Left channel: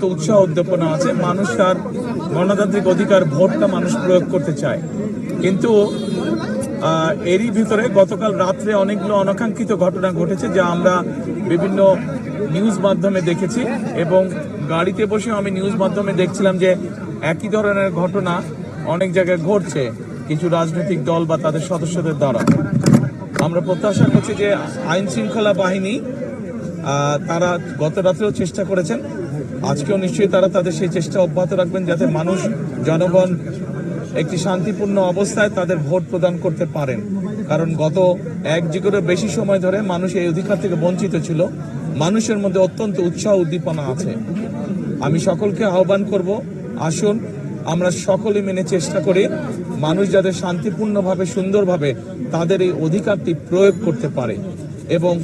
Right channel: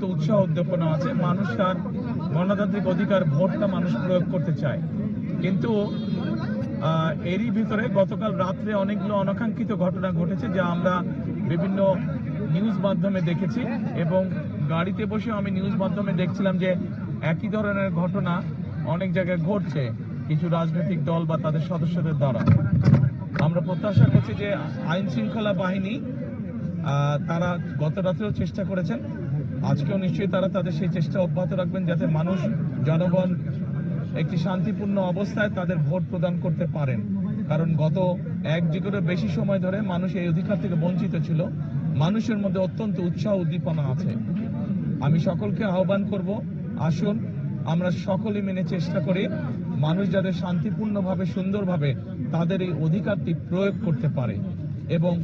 তো উৎসাহ উদ্দীপনা আছে। মানুষ তার গণতান্ত্রিক অধিকার ভোটটা মানুষ প্রয়োগ করতে চায়। কিন্তু এরই ভিতরে গতকাল রাত্রে অনেকগুলো অনাকাঙ্ক্ষিত ঘটনা ঘটেছে যা আমরা বিভিন্ন নিউজ মাধ্যমে দেখেছি এবং গাড়িতে বসে আমি নিউজ মাধ্যমে দেখছিলাম যে একই ধরনের ঘটনা অনেক জায়গায় ঘটছে। কিছু রাজনৈতিক দল বা তাদের সদস্যদের দ্বারা। আমরা প্রত্যাশা করছি যে আইন শৃঙ্খলা বাহিনী তারা গত রাত্রেও চেষ্টা করেছেন। আজকেও নিশ্চয়ই তারা তাদের সেই চেষ্টা অব্যাহত রাখবেন যাতে মানুষ, জনগণ একটি শান্তিপূর্ণ অবস্থায় তাদের ভোট প্রদান করতে পারেন। কারণ গত এক যুগেরও বেশি সময় ধরে মানুষ এই অধিকার থেকে বঞ্চিত ছিল। মানুষের মধ্যে অত্যন্ত উৎসাহ উদ্দীপনা আছে। আমি সকলকে আহ্বান করব, আসুন আমরা সকলে মেনে চেষ্টা করি মানুষ যাতে শান্তিপূর্ণভাবে, সুন্দরভাবে তাদের এই অধিকারটি প্রয়োগ করতে পারে। এবং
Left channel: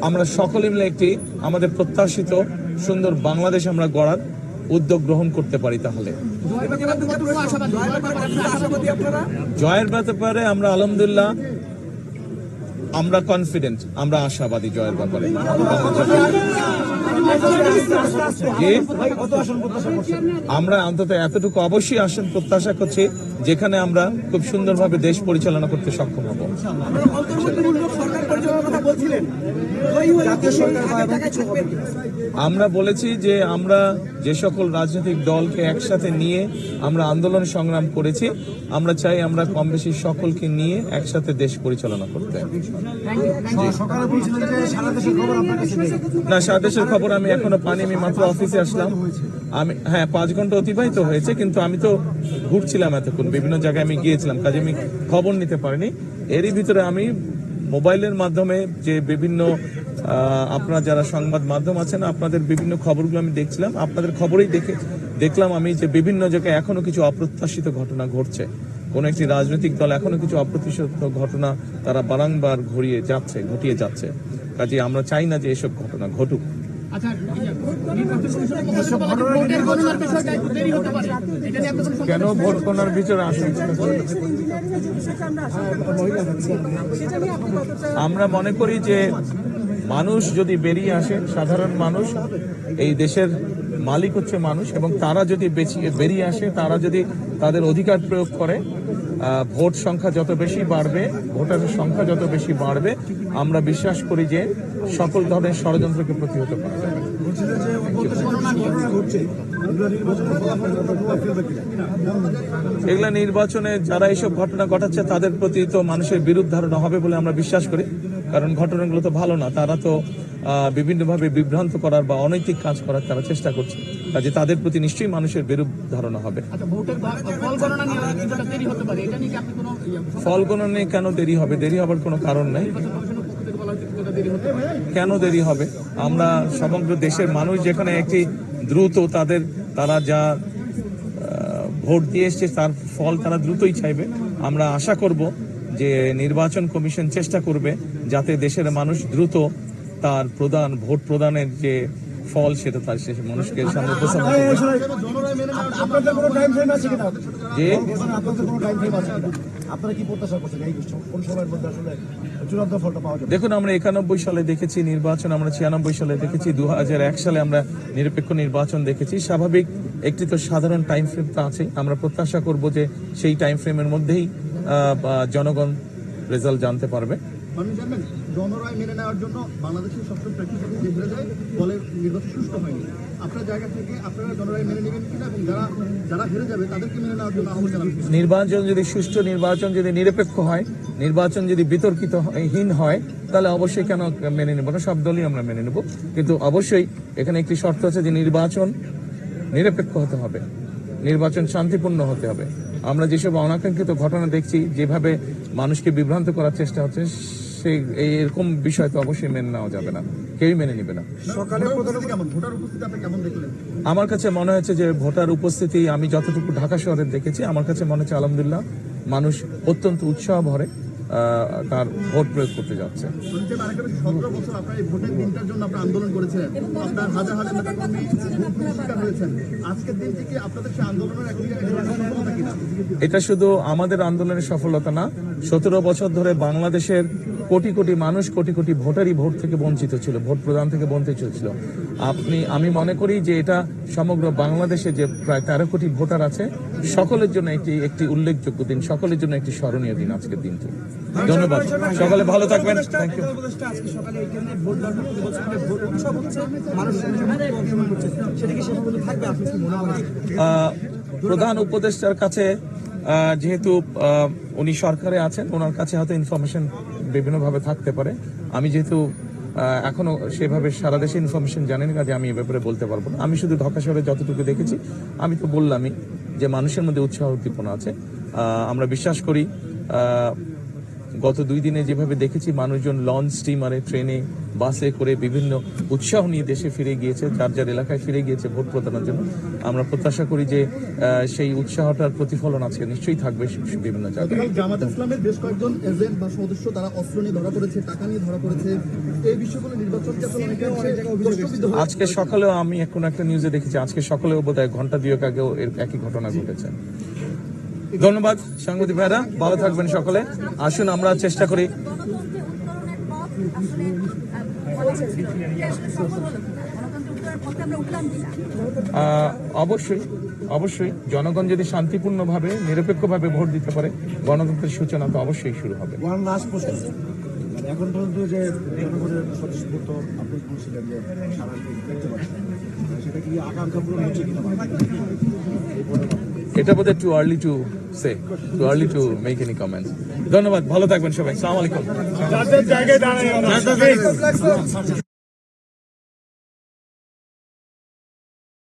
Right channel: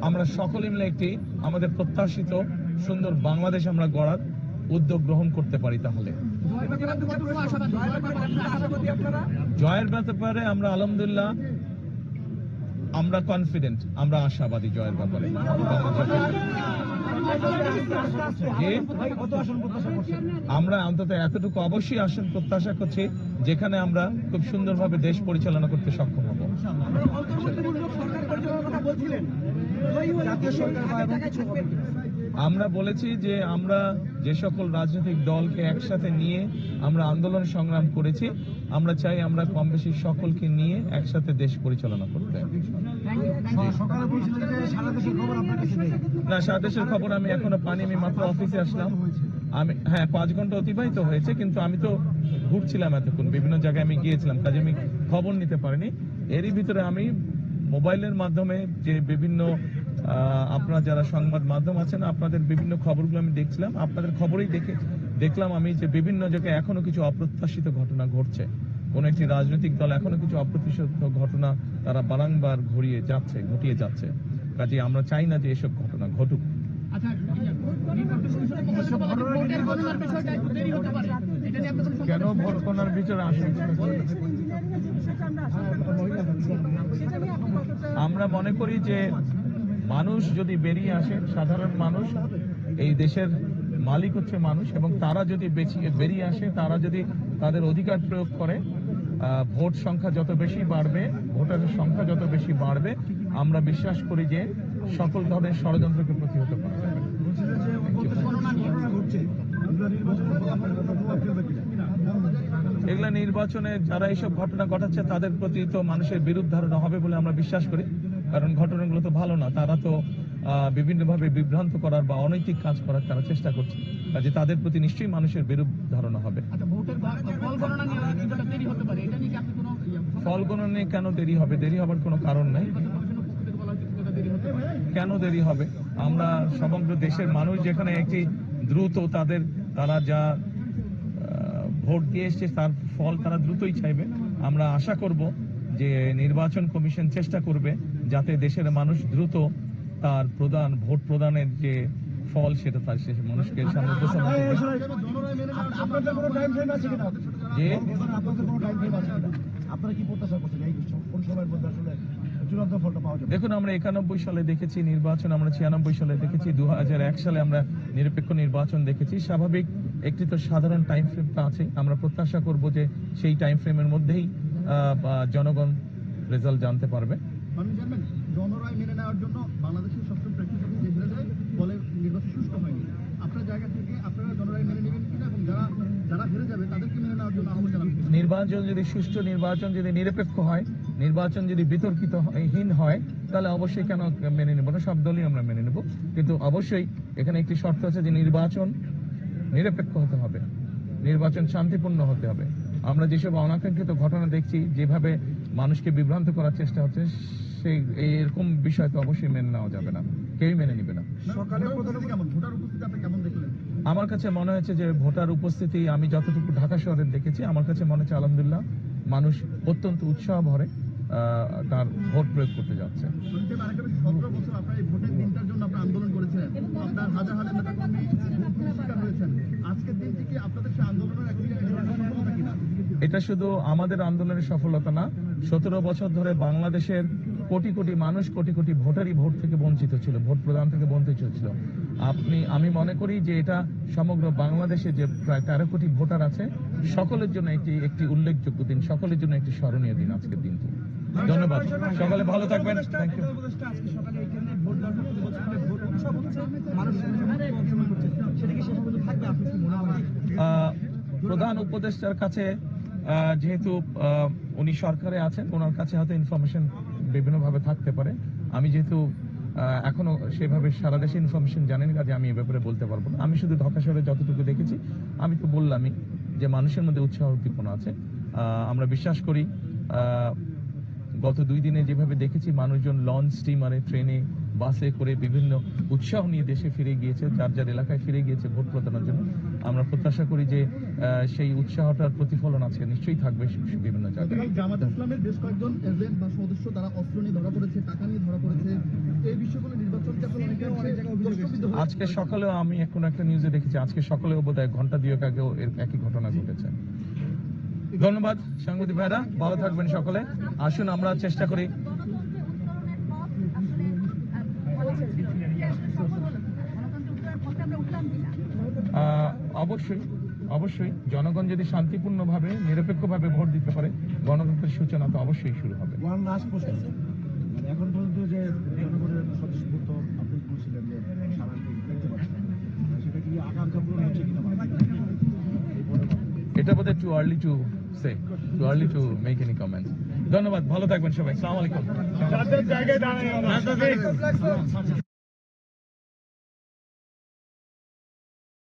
আমরা সকলে মিলে একটি আমাদের প্রত্যাশিত সুন্দর বাংলাদেশ আমরা গড়ার উদ্যোগ গ্রহণ করতে পারি তাহলে। জয়ের ব্যাপারে আমরা আলহামদুলিল্লাহ, আমরা কনফিডেন্ট আমরা আশাবাদী জয়ের ব্যাপারে। আমরা অন্তত এতটুকু অবশ্যই আসন, প্রত্যাশা করছি, যেখানে আমরা খুব সুন্দরভাবে দেশ পরিচালনা করতে সক্ষম হব। আমরা বলেছি যে আমরা যে সকল রাজনৈতিক দলকে একসাথে নিয়ে আমরা আন্দোলন সংগ্রাম করেছি আমরা চাই আমরা কম বেশি সকলকে নিয়ে একসাথে দেশ পরিচালনা করতে। না সারা দেশের খবর আমি এখনও পানি আমি মাত্র অফিসে আসলাম। আমি হ্যাঁ পাঁচ ঘণ্টা অতিবাহিত হয়েছে কিন্তু আমি তো ঘুরছিলাম এতক্ষণ বিভিন্ন জায়গায় আমি গিয়েছিলাম কাজে আমি খবর নিতে পারিনি। এরই ভিতরে আমি মোবাইলের মাধ্যমে যে বিভিন্ন আপনার যারা সংবাদ মাধ্যম আছেন, আপনাদের বিভিন্ন খবরগুলো আমি দেখছিলাম। আপনাদের খবরেই দেখে, দেখলাম আমি যে বিভিন্ন জায়গায় এখনও কিছু অপ্রত্যাশিত ঘটনা ঘটছে। কোন একটি রাজনৈতিক দল এখনও কিছু অপ্রত্যাশিত ঘটনা তারা বারংবার ঘুরিয়ে যাচ্ছে, ঘটিয়ে যাচ্ছে। কাজে আমরা চাই না যে এসব ঘটনা ঘটুক। আচ্ছা কোনো ভোট গণনার ভিতরে আসুন আমরা মনে করি যে মানুষ যদি বেরিয়ে আসে, সাধারণ মানুষ, এই দেশের মালিক হচ্ছে মানুষ এবং তারা যদি বেরিয়ে আসে, তারা যদি তাদের অধিকার প্রয়োগ করে ভোট সংখ্যা যত বেশি বাড়বে ভোটারের সংখ্যা যত বেশি বাড়বে, আমরা বিশ্বাস করি যে সকল ধরনের ষড়যন্ত্রকে প্রতিহত করা যাবে। বলছিলেন যে ঘটছে এগুলো নির্বাচন এগুলা নির্বাচনে যারা এইসব ঘটনা ঘটাচ্ছে তাদের প্রতি তো মানুষের বিরূপ ধারণা হবে বলে আমরা বিশ্বাস করি। কারণ ঘটনাগুলো তো ভালো না তারা তো বিভিন্নভাবে বিভ্রান্ত করার বা অনৈতিক কাজ করার তারা চেষ্টা করছে। কাজে তাদের প্রতি নিশ্চয়ই মানুষের বিরূপ ধারণা হবে। আচ্ছা ফল গণনে কেন দেরি হবে? দেরি হবার কোনো কারণ নাই কমিশনের পক্ষ থেকে বলা হচ্ছে কিছুটা দেরি হতে কেন দেরি হবে? আমরা সমগ্র দেশের মানুষ যেখানে একটি দ্রুত তাদের, তারা যা ভোট দিয়ে এসছে তার ফল তারা দ্রুতই চাইবে। আমরা আশা করব যে নির্বাচন কমিশন চেষ্টা করবে যাতে দেশের মানুষ দ্রুত তার প্রদান, ভোট প্রদানের যে ফল সেটা তার শেষে মানুষকে সামনে উপস্থাপন যে দেখুন আমরা একানব্বই সালে দেখেছি নির্বাচন আমরা ছিয়ানব্বই সালে দেখেছি দু হাজার এক সালে আমরা নিরপেক্ষ নির্বাচন দেখেছি। স্বাভাবিক একটি তো সাধারণ টাইম ফ্রেম তো আছে আমরা প্রত্যাশা করব যে সেই টাইম ফ্রেমের মধ্যেই জনগণ রেজাল্ট জানতে পারবে। জনরায় মেনে নেওয়ার জন্য বাংলাদেশের সবসময় প্রেক্ষিতে যে বলে নির্বাচন সুষ্ঠু হয়নি। আপনার জায়গা থেকে আপনারা জনরায় মেনে নেবেন কিনা এবং যারা যারা হেরে যাবে তাদেরকে মেনে নেওয়ার জন্য আহ্বান নির্বাচন যদি সুষ্ঠু নির্বাচন যদি নিরপেক্ষ হয়, নির্বাচন যদি বিতর্কিত হীন হয়, তাহলে অবশ্যই কেন মেনে নেব না? সব দলই আমরা মেনে নেব। কিন্তু অবশ্যই এখানে একটি শর্ত আছে যে নির্বাচন নিরপেক্ষ হতে হবে। নির্বাচন শান্তিপূর্ণ হতে হবে। আমরা যেসব অনাকাঙ্ক্ষিত ঘটনা দেখছি, যেভাবে মানুষকে বিভ্রান্ত করার চেষ্টা হচ্ছে সেই এই এরকম বিষয় তো অবশ্যই মেনে নেওয়া যাবে না। কেউই মেনে নেবে না। সকালে ভোটার উপস্থিতি কেমন? ভোটার উপস্থিতি আপনি কেমন দেখলেন? আমার কাছে মনে হচ্ছে যে ভোটার উপস্থিতি আমি যতটুকু ঢাকা শহরে দেখেছি আমার কাছে মনে হচ্ছে আলহামদুলিল্লাহ মানুষ অত্যন্ত উৎসাহ ভরে তার ভোট প্রয়োগ করতে যাচ্ছে। শুনছেন আরেকটা বিষয় সতেরো বছর আপনার এই ভোটের দিনটার জন্য আপনার আন্দোলন করেছিলেন। আপনার হাজার হাজার নেতাকর্মী ভোট শিকার হয়েছেন আজকের দিন থেকে আপনাদের আন্দোলনের এটা শুধু আমাদের আন্দোলনের সফলতা না সতেরো বছর ধরে বাংলাদেশের কোটি কোটি মানুষ কোটি কোটি ভোটারই ভোট থেকে বঞ্চিত ছিল ভোট প্রদান থেকে বঞ্চিত ছিল। আপনি আমি মনে করি যে এটা সমগ্র বাংলাদেশে যে প্রায় তেরো কোটি ভোটার আছে সকলের জন্য একটি একটি উল্লেখযোগ্য দিন সকলের জন্য একটি স্মরণীয় দিন আজকের দিনটি। ধন্যবাদ। সকালে ভালো থাকবেন। থ্যাংক ইউ সেটা কি থাকবে? আপনি কি মনে প্রধান উপদেষ্টার কাছে যেহেতু উনি সরকারে আছেন, ওনার কাছে হয়তো ইনফরমেশন বিভিন্নভাবে থাকতে পারে। আমি যেহেতু এখনও সেভাবে সারা দেশে ইনফরমেশন জানেন কাজে আমি এ ব্যাপারে বলতে পারব না। আমি শুধু ঢাকা শহরে যতটুকু দেখেছি, আমি তো বললামই যে মানুষের মধ্যে উৎসাহ উদ্দীপনা আছে। আমরা বিশ্বাস করি গত দুই দিনে যেভাবে দেখেছি মানুষজন লঞ্চ স্টিমারে ট্রেনে বাসে করে বিভিন্ন উৎসাহ নিয়ে দেশে ফিরে গিয়েছে যার যার এলাকায় ফিরে গিয়েছে ভোট প্রদানের জন্য। আমরা প্রত্যাশা করি যে সেই উৎসাহটার প্রতিফলন আছে নিশ্চয়ই থাকবে বিভিন্ন জায়গায়। জামাত ইসলামের বেশ কয়েকজন এজেন্ট বা সদস্য তারা অস্ত্র নিয়ে ধরা পড়েছে টাকা নিয়ে ধরা পড়েছে। এই বিষয়গুলো হয়ে আজকে সকালেও আমি এখন একটা নিউজে দেখেছি আজকে সকালেও বোধ হয় ঘণ্টা দুয়েক আগেও এর একই ঘটনা ঘটেছে। ধন্যবাদ, সাংবাদিক ভাইরা। ভালো থাকবেন সকলে। আসুন, আমরা চেষ্টা করি। অবশ্যই অবশ্যই জনগণ যদি শান্তিপূর্ণভাবে, নিরপেক্ষভাবে ভোট দিতে পারে, গণতন্ত্রের সূচনা তো অবশ্যই শুরু হবে। এখন পর্যন্ত যে জনগণের আপনি বলছিলেন যে সেটা কি আকাঙ্ক্ষা পূরণ হচ্ছে কিনা? এটা বোধহয় too early to say too early to make any comments ধন্যবাদ ভালো থাকবেন সবাই। সালাম আলাইকুম